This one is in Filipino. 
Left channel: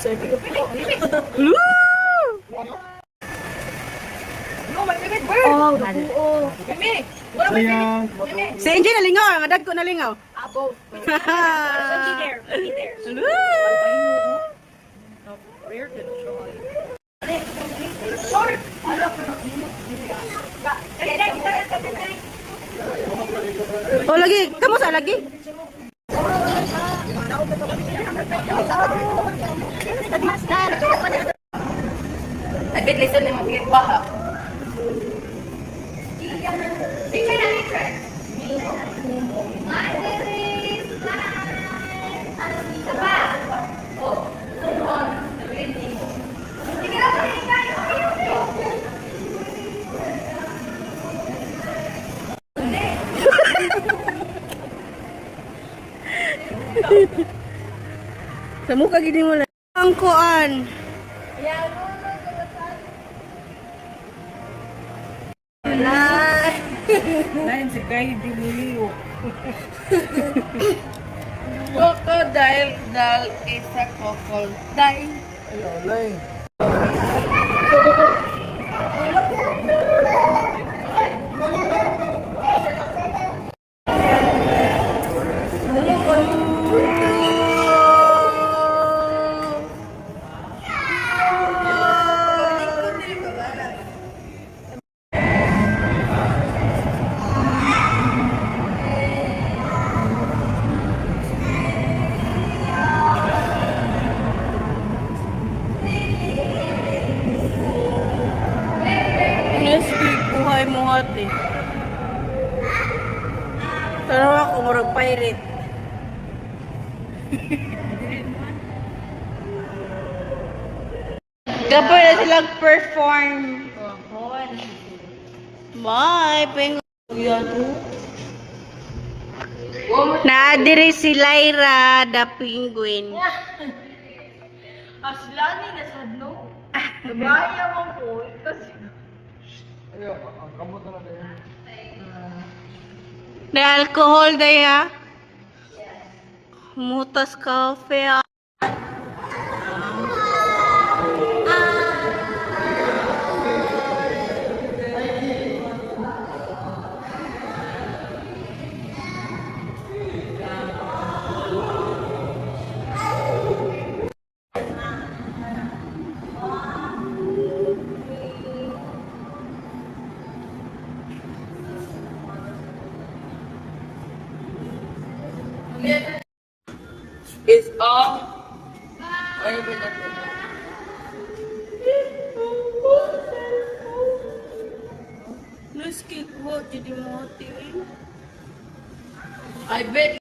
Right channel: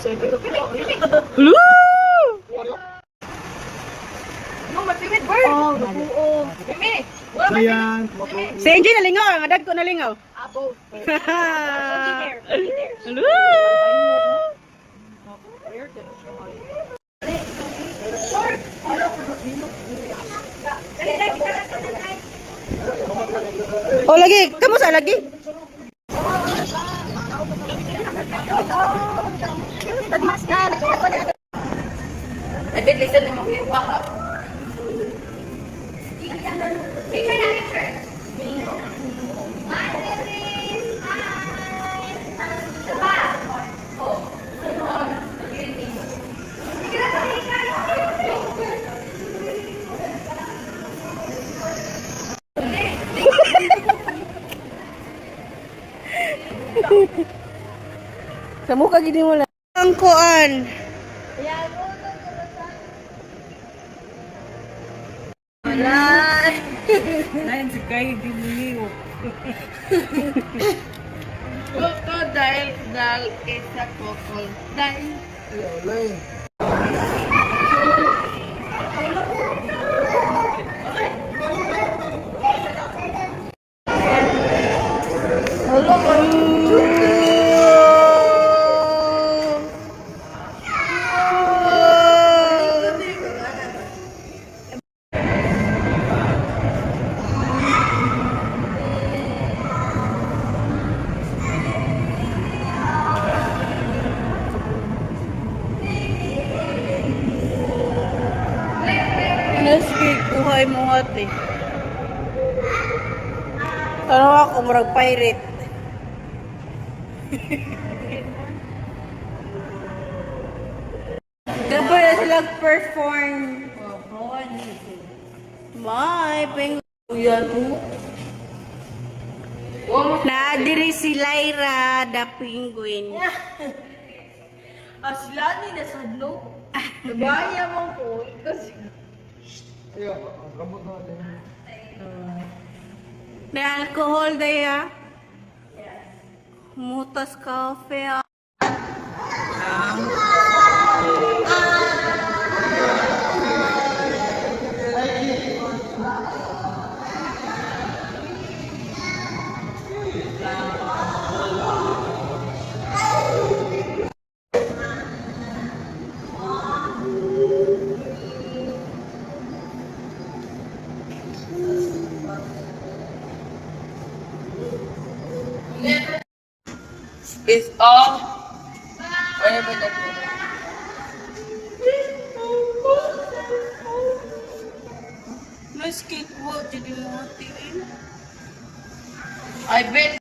Lu! Oh, nabuo. Sayang. Si Angie nalingaw, ang adad ko nalingaw. Lu! Oh lagi, kamu sa lagi? I bet listen mo kay baha. Sa mukha gini mo lang. Ang kuan. Lain si Kai di Muliw. Crocodile dal isa crocodile. Nesquik, buhay mo ate. Tanaw ako, murag pirate. Kapag na silang perform. Bye, penguin. Naadiri si Lyra, the penguin. Aslani na sadno. Baya mo po kasi Na alcohol na ya. Mutas cafe. is all whatever that is. Nesquik mo, jadi mo tiin. I bet